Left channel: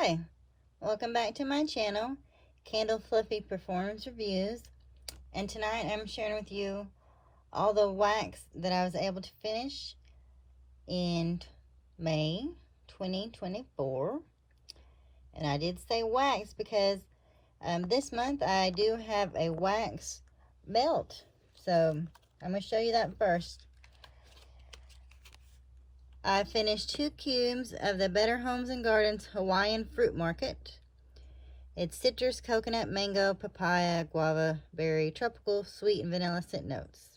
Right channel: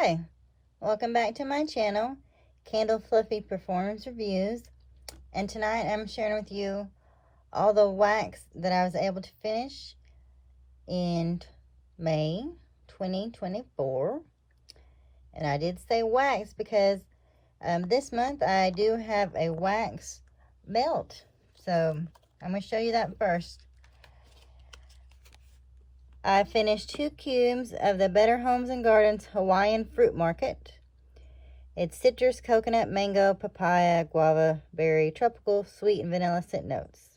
Hi, welcome back to my channel, Candle Fluffy Performance Reviews. And tonight I'm sharing with you all the wax that I was able to finish in May 2024. And I did say wax because this month I do have a wax melt. So I'm going to show you that first. I finished 2 cubes of the Better Homes and Gardens Hawaiian Fruit Market. It's citrus, coconut, mango, papaya, guava, berry, tropical, sweet, and vanilla scent notes.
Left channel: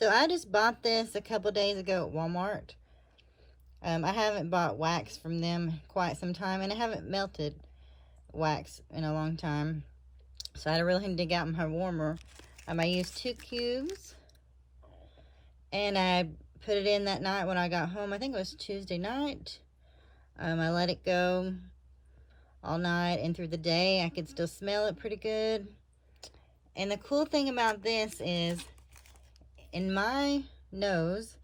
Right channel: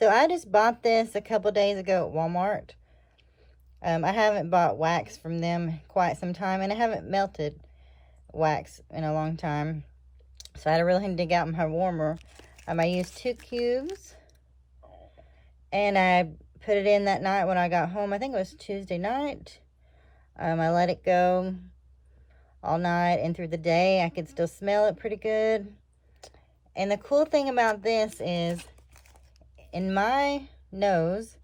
So I just bought this a couple days ago at Walmart. I haven't bought wax from them quite some time, and I haven't melted wax in a long time. So I really had to dig out my warmer. I used 2 cubes, and I put it in that night when I got home. I think it was Tuesday night. I let it go all night and through the day. I could still smell it pretty good. And the cool thing about this is, in my nose,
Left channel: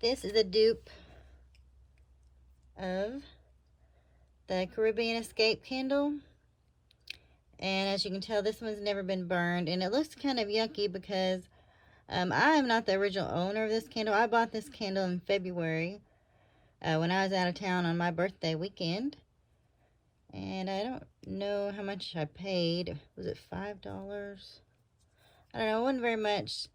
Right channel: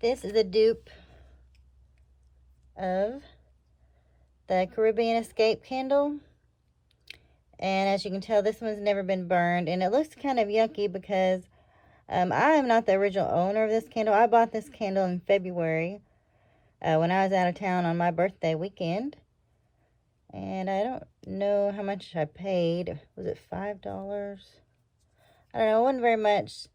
this is a dupe of the Caribbean Escape candle. And as you can tell, this one's never been burned. And it looks kind of yucky because I am not the original owner of this candle. I bought this candle in February when I was out of town on my birthday weekend. And I don't know how much I paid. Was it $5? I don't know, it wasn't very much.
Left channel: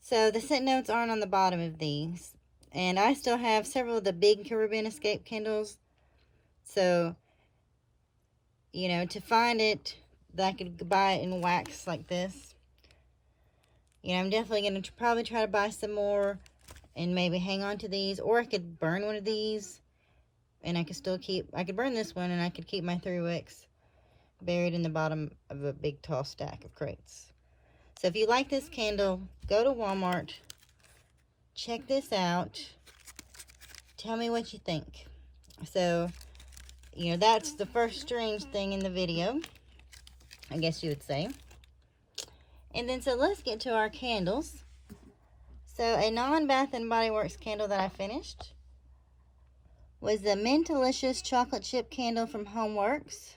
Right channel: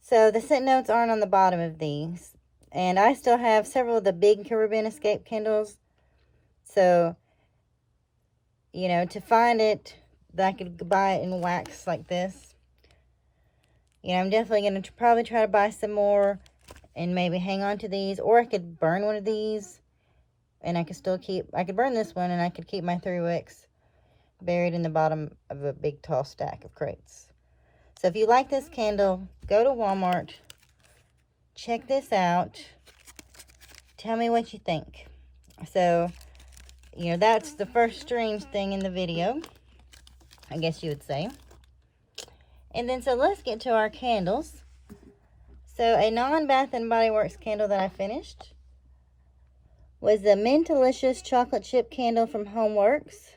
So the scent notes aren't on the bottom of these. And I still have several of the big Caribbean Escape candles. So, you know, to find it, that I could buy it in wax like this. You know, I'm definitely going to probably try to buy some more and maybe hang on to these. Or I could burn one of these. And I could burn this one, and I could keep my 3 wicks buried in the bottom of a big tall stack of crates. So if you like this candle, go to Walmart, check this out, tell me what you think. So, you know, that's the first strange thing in the video, I guess you would say. And then, so let's get to our candles. So a non-Bath & Body Works candle that I finished was the Mentalicious Chocolate Chip Candle from Homeworx.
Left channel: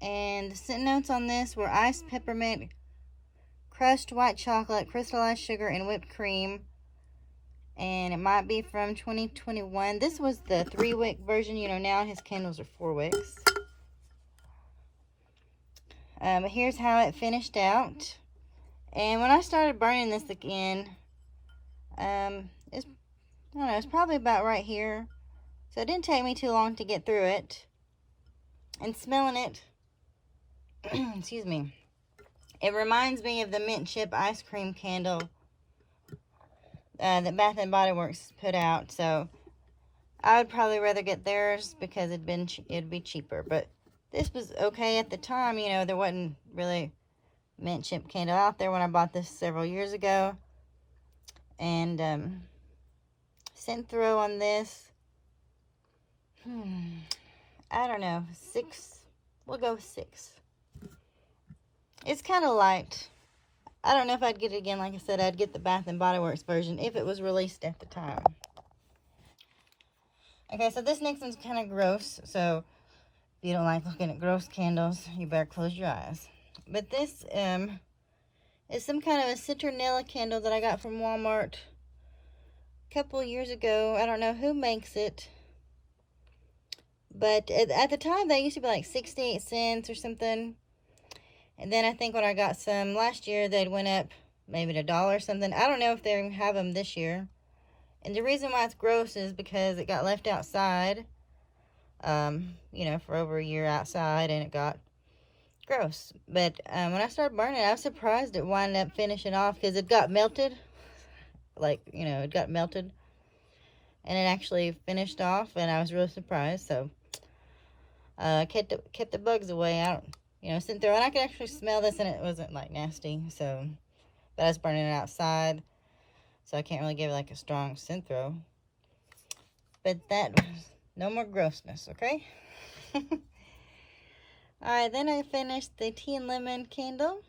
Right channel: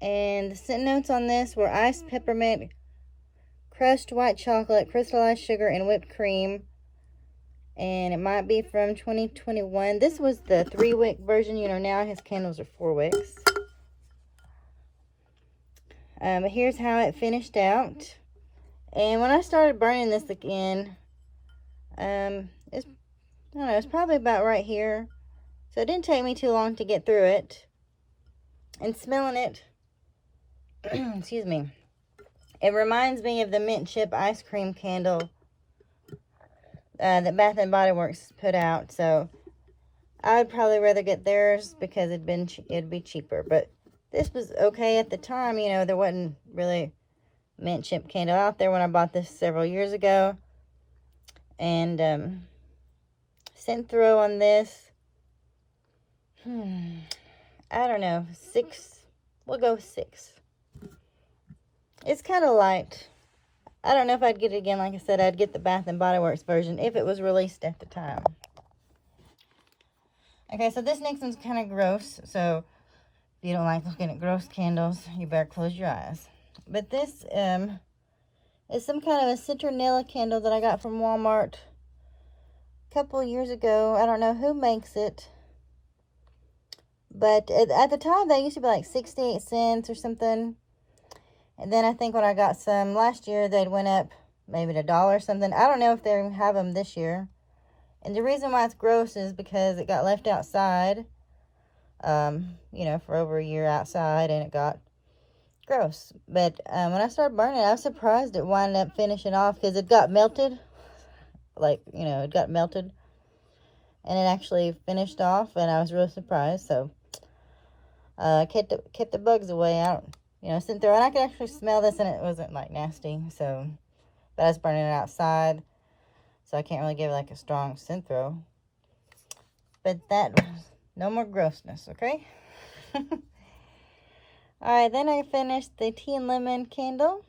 And the scent notes on this were iced peppermint, crushed white chocolate, crystallized sugar, and whipped cream. And it might be from 2021. This was the 3-wick version. You know, now his candles are 4 wicks. Here's how it finished out. And when I started burning this again, I don't know, it's probably about right here. So it didn't take me too long to get through it. And smelling it, excuse me, it reminds me of the mint chip ice cream candle that Bath & Body Works put out. So I would probably rather get theirs because it'd be cheaper. But this was okay at the time. You know, there wasn't really mint chip candle out there when I bought this several years ago. And scent throw on this, I don't know, 6. We'll go 6. It's kind of light. I don't know if I'd get it again. Like I said, I'd get the Bath & Body Works version if it was released at the time. Okay, so this next one's kind of gross. So if you don't like looking at gross candles, you better close your eyes. But this is some kind of a citronella candle that I got from Walmart a couple years ago. I don't know who makes it. But at the time, they used to be like 68 cents or something. And then I think when I got some last year, they'd went up maybe to $1 or something. I don't know if they have them this year. And the reason why it's gross is because it got left outside, you know, for over a year outside, and it got gross. But when I started burning it, I was surprised it wound up finishing off because it got melted. Like, you know, it got melted. And it actually finished off, and I was really surprised. So kept the bugs away. You know, sitting through, and I could actually smell this, and it wasn't like nasty. So, but I was burning it outside, so I can't really give it like a strong scent throw. But that was no more grossness, okay? Alright, then I finished the tea and lemon candle,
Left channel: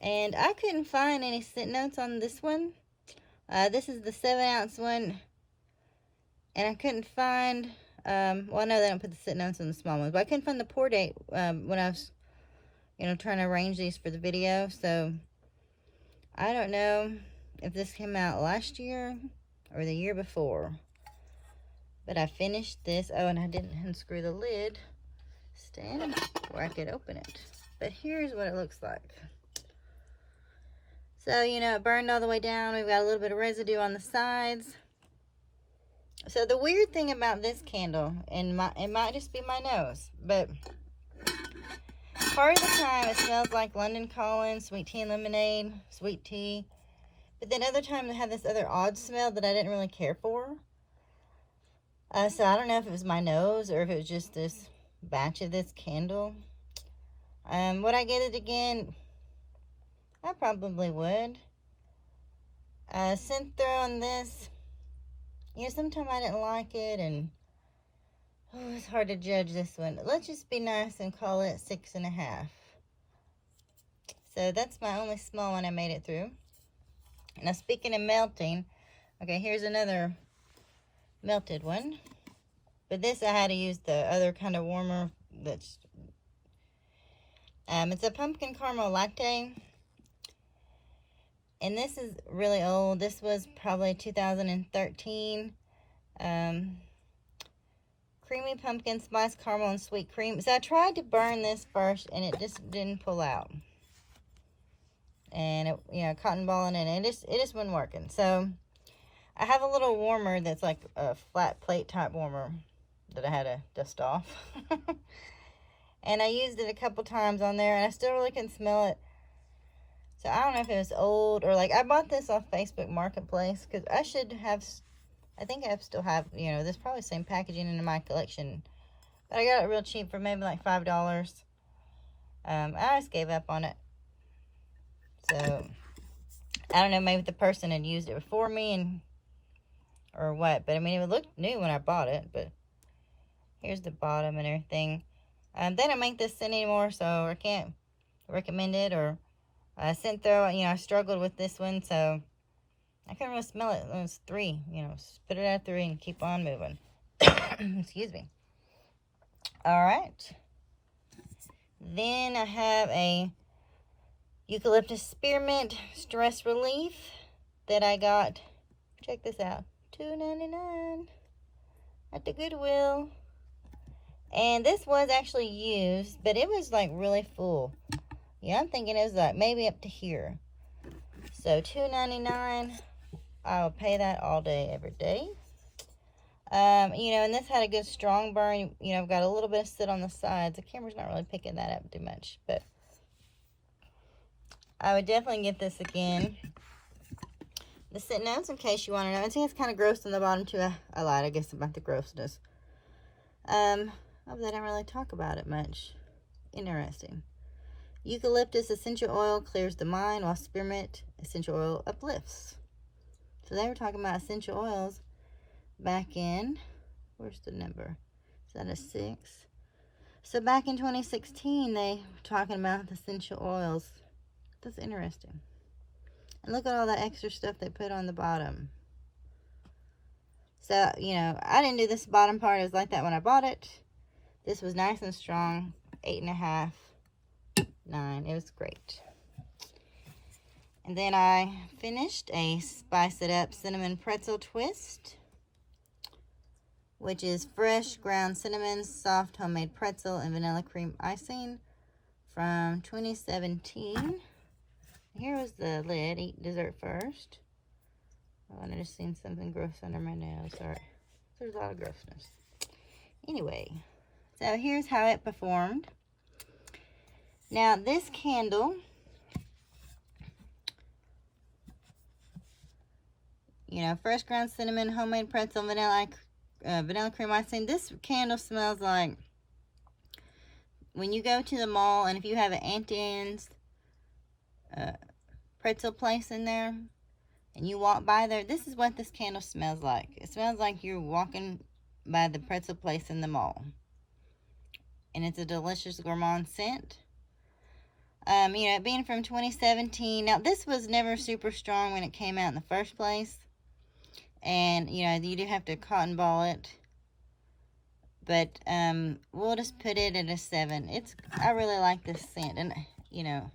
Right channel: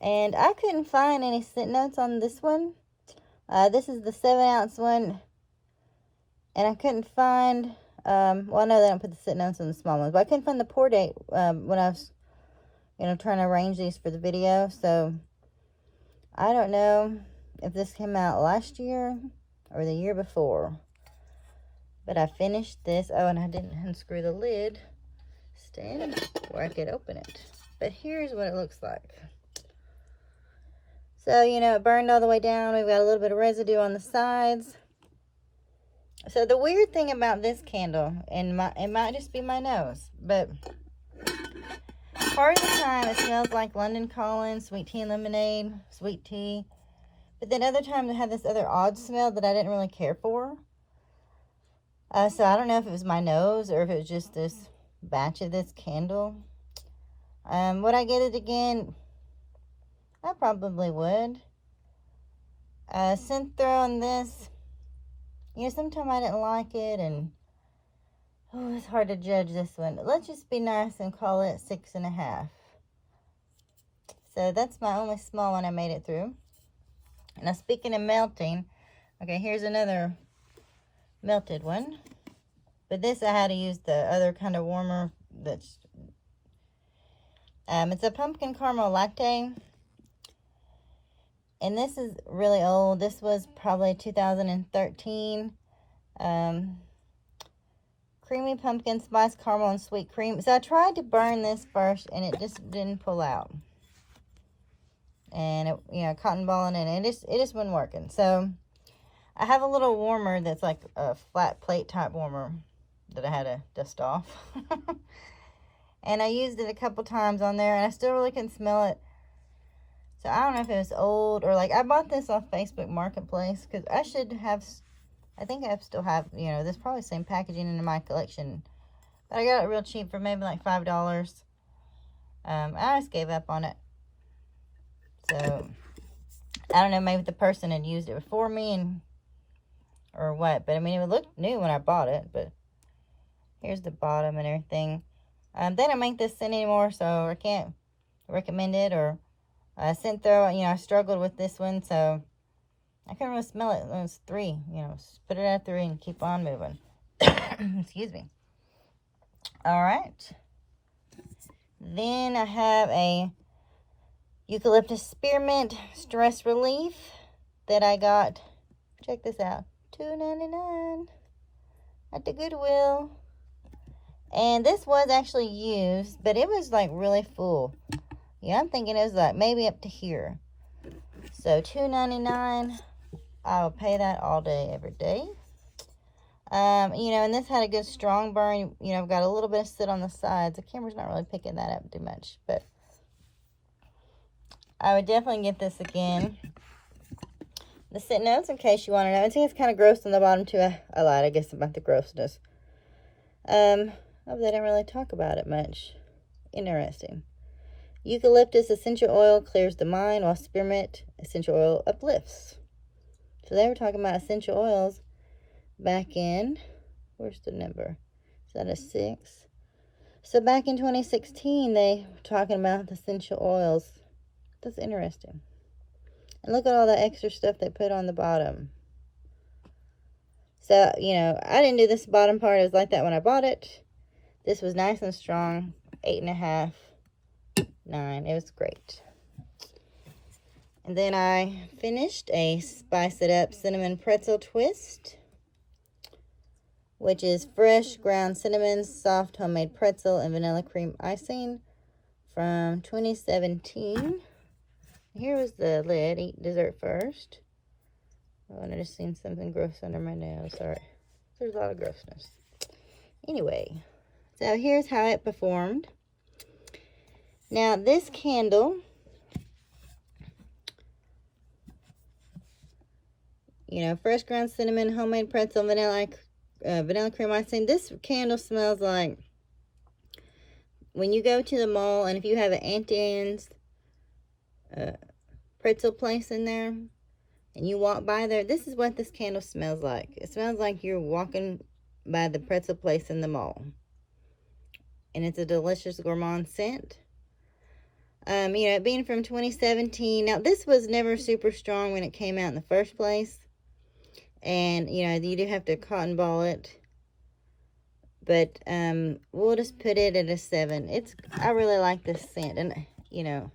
and I couldn't find any scent notes on this one. This is the 7-ounce one, And I couldn't find, well, I know they don't put the sit notes in the small ones, but I couldn't find the pour date when I was, trying to arrange these for the video. So I don't know if this came out last year or the year before. But I finished this. Oh, and I didn't unscrew the lid stand where I could open it. But here's what it looks like. So, it burned all the way down. We've got a little bit of residue on the sides. So the weird thing about this candle, and it might just be my nose, but part of the time it smells like London Calling, sweet tea and lemonade, sweet tea. But then other times it had this other odd smell that I didn't really care for. So I don't know if it was my nose or if it was just this batch of this candle. Would I get it again? I probably would. Scent throw on this. Sometimes I didn't like it, and it's hard to judge this one. Let's just be nice and call it 6.5. So that's my only small one I made it through. Now, speaking of melting, okay, here's another melted one. But this I had to use the other kind of warmer that's it's a pumpkin caramel latte. And this is really old. This was probably 2013. Creamy pumpkin spice caramel and sweet cream. So I tried to burn this first and it just didn't pull out. And it, cotton balling in it. It just wasn't working. So I have a little warmer that's like a flat plate type warmer that I had to dust off. And I used it a couple times on there and I still really can smell it. So I don't know if it was old or I bought this off Facebook Marketplace because I think I still have, this probably same packaging in my collection. But I got it real cheap for maybe like $5. I just gave up on it. So I don't know, maybe the person had used it before me or what. But I mean, it looked new when I bought it. But here's the bottom and everything. They don't make this scent anymore, so I can't recommend it. Or scent throw, I struggled with this one, so I couldn't really smell it. It was 3, put it at 3 and keep on moving. Excuse me. All right. Then I have a eucalyptus spearmint stress relief that I got. Check this out. $2.99 at the Goodwill. And this was actually used, but it was really full. Yeah, I'm thinking it was maybe up to here. So $2.99. I'll pay that all day, every day. And this had a good strong burn. I've got a little bit of soot on the sides. The camera's not really picking that up too much, but I would definitely get this again. The scent notes, in case you want to know. I think it's kind of gross in the bottom too. I lied, I guess, about the grossness. They don't really talk about it much. Interesting. Eucalyptus essential oil clears the mind, while spearmint essential oil uplifts. So they were talking about essential oils back in, where's the number? Is that a 6? So back in 2016, they were talking about the essential oils. That's interesting. And look at all the extra stuff they put on the bottom. So, I didn't do this bottom part. It was like that when I bought it. This was nice and strong. 8.5, 9. It was great. And then I finished a Spice It Up Cinnamon Pretzel Twist, which is fresh ground cinnamon, soft homemade pretzel, and vanilla cream icing from 2017. Here was the lid. Eat dessert first. Oh, and I just seen something gross under my nail. Sorry. There's a lot of grossness. Anyway, so here's how it performed. Now, this candle, fresh ground cinnamon, homemade pretzel, vanilla cream icing. This candle smells like when you go to the mall and if you have an Auntie Anne's pretzel place in there and you walk by there, this is what this candle smells like. It smells like you're walking by the pretzel place in the mall. And it's a delicious gourmand scent. It being from 2017. Now, this was never super strong when it came out in the first place. And, you know, you do have to cotton ball it. But we'll just put it at a 7. I really like this scent. And, you know,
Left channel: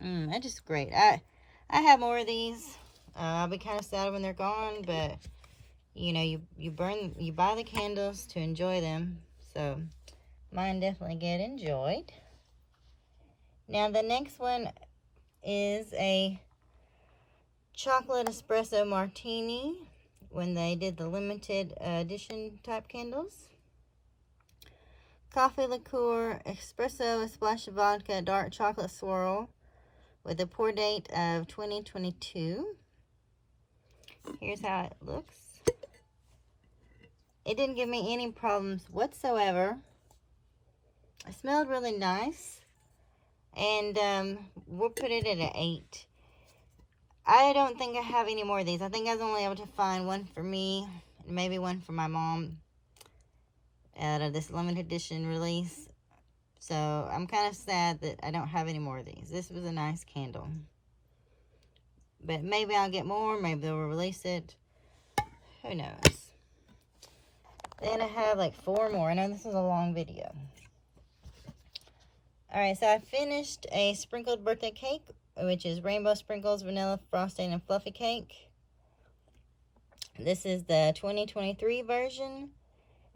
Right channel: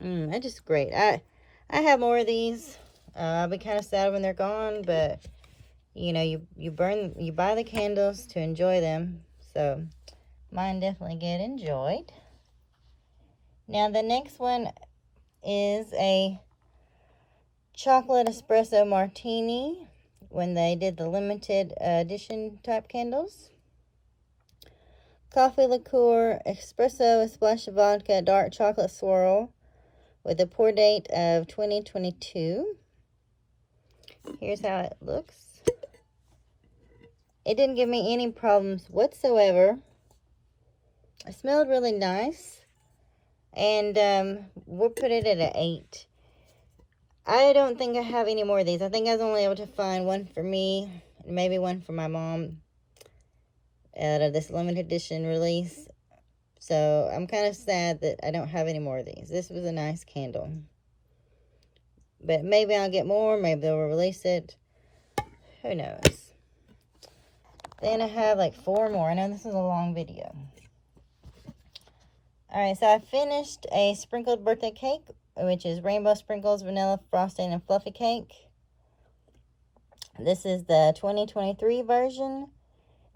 it's just great. I have more of these. I'll be kind of sad when they're gone, but you know, you buy the candles to enjoy them. So mine definitely get enjoyed. Now the next one is a chocolate espresso martini, when they did the limited edition type candles. Coffee liqueur, espresso, a splash of vodka, dark chocolate swirl, with a pour date of 2022. Here's how it looks. It didn't give me any problems whatsoever. It smelled really nice. And we'll put it at an 8. I don't think I have any more of these. I think I was only able to find one for me, and maybe one for my mom out of this limited edition release. So I'm kind of sad that I don't have any more of these. This was a nice candle. But maybe I'll get more. Maybe they'll release it. Who knows? Then I have like 4 more. I know this is a long video. Alright, so I finished a sprinkled birthday cake, which is rainbow sprinkles, vanilla frosting, and fluffy cake. This is the 2023 version.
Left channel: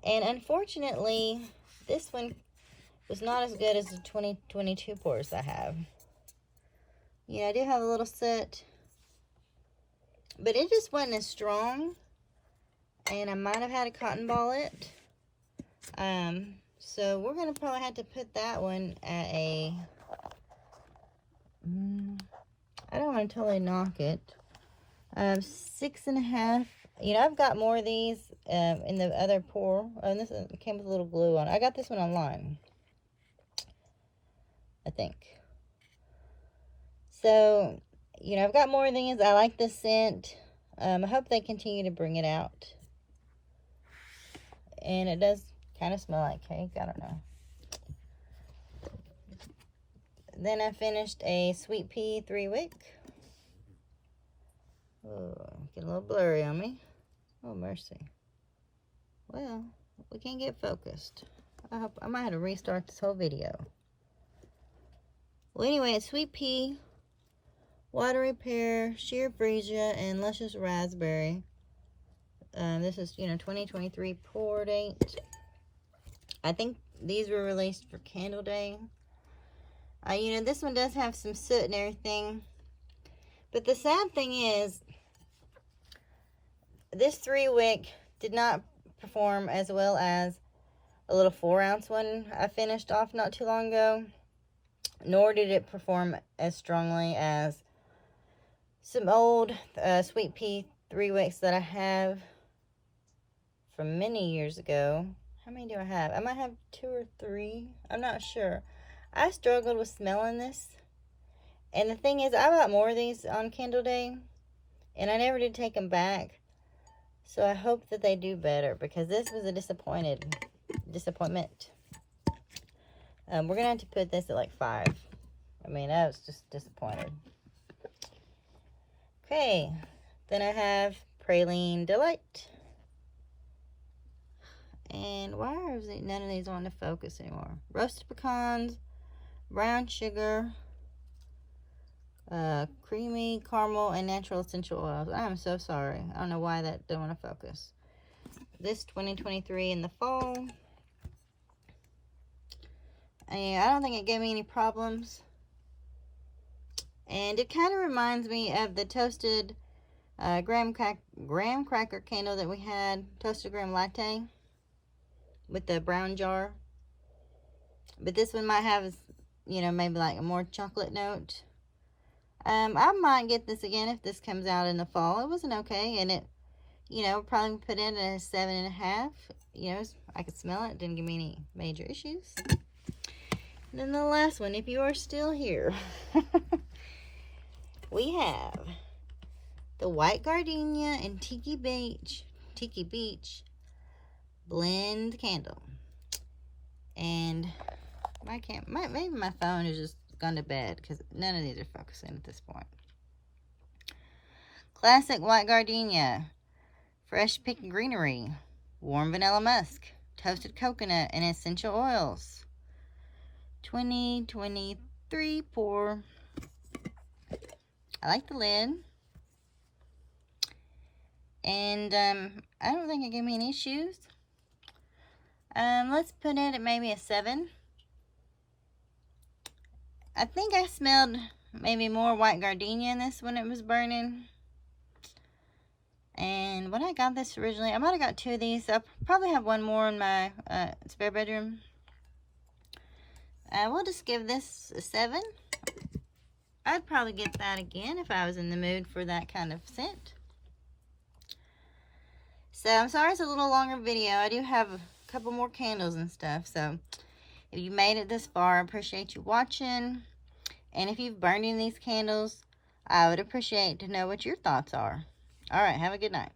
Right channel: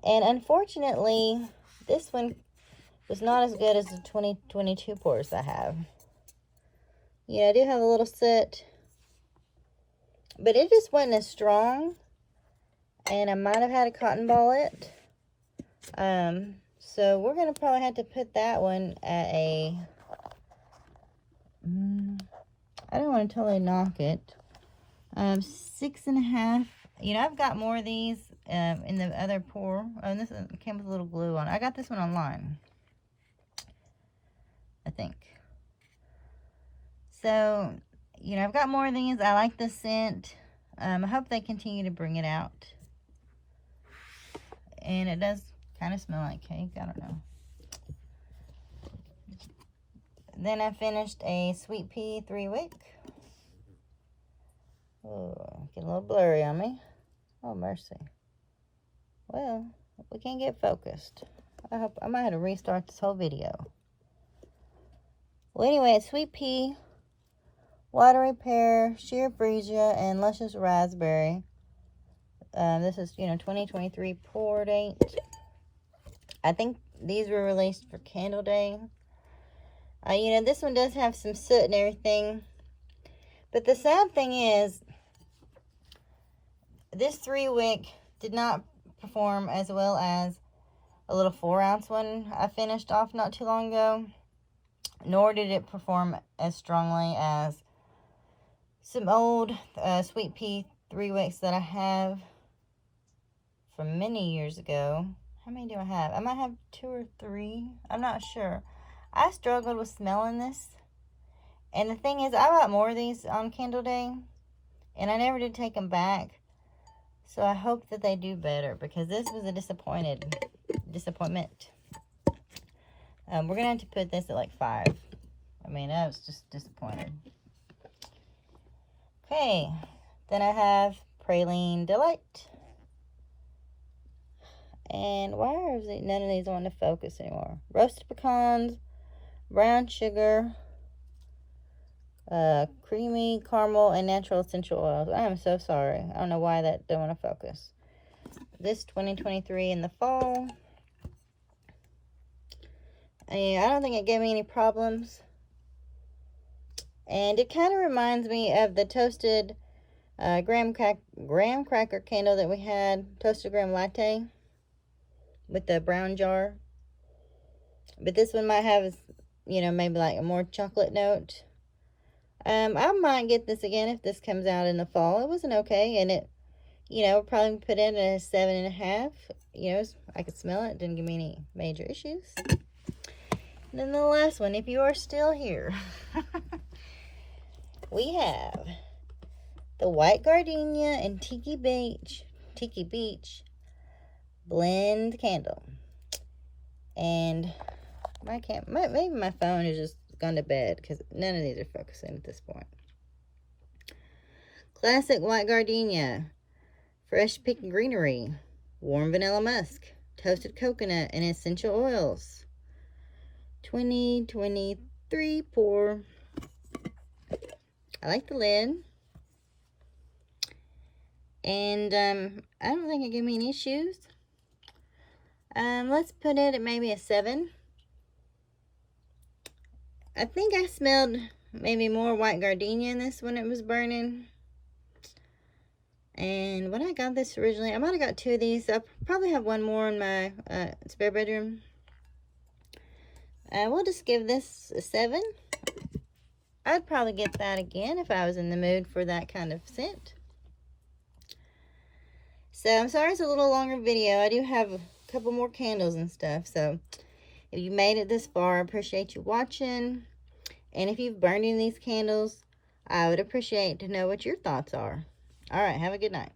And unfortunately, this one was not as good as the 2022 pours I have. Yeah, I do have a little soot, but it just wasn't as strong. And I might have had to cotton ball it. So we're going to probably have to put that one at a... I don't want to totally knock it. 6.5. You know, I've got more of these in the other pour. Oh, and this came with a little glue on. I got this one online, I think. So, you know, I've got more of these. I like the scent. I hope they continue to bring it out. And it does kind of smell like cake. I don't know. Then I finished a sweet pea 3-wick. Oh, get a little blurry on me. Oh, mercy. Well, we can't get focused. I might have to restart this whole video. Well, anyway, it's sweet pea, watery pear, sheer freesia, and luscious raspberry. This is, you know, 2023 pour date. I think these were released for Candle Day. You know, this one does have some soot and everything. But the sad thing is, this 3-wick did not perform as well as a little 4-ounce one I finished off not too long ago. Nor did it perform as strongly as some old sweet pea 3-wicks that I have from many years ago. How many do I have? I might have 2 or 3. I'm not sure. I struggled with smelling this. And the thing is, I bought more of these on Candle Day, and I never did take them back. So I hope that they do better, because this was a disappointment. We're going to have to put this at like 5. I mean, I was just disappointed. Okay, then I have Praline Delight. And why is it none of these want to focus anymore? Roasted pecans, brown sugar, creamy caramel, and natural essential oils. I am so sorry. I don't know why that don't want to focus. This 2023 in the fall. And I don't think it gave me any problems. And it kind of reminds me of the toasted graham cracker candle that we had, toasted graham latte, with the brown jar. But this one might have, you know, maybe like a more chocolate note. I might get this again if this comes out in the fall. It wasn't okay, and it, you know, probably put in a 7.5. You know, I could smell it. Didn't give me any major issues. And then the last one, if you are still here, we have the White Gardenia and Tiki Beach blend candle. And maybe my phone is just gone to bed, because none of these are focusing at this point. Classic white gardenia, fresh picked greenery, warm vanilla musk, toasted coconut, and essential oils. 2023 pour. I like the lid. And I don't think it gave me any issues. Let's put it at maybe a 7. I think I smelled maybe more white gardenia in this when it was burning. And when I got this originally, I might have got 2 of these. I'll probably have 1 more in my spare bedroom. We'll just give this a 7. I'd probably get that again if I was in the mood for that kind of scent. So I'm sorry it's a little longer video. I do have a couple more candles and stuff. So if you made it this far, I appreciate you watching. And if you've burned any of these candles, I would appreciate to know what your thoughts are. All right, have a good night.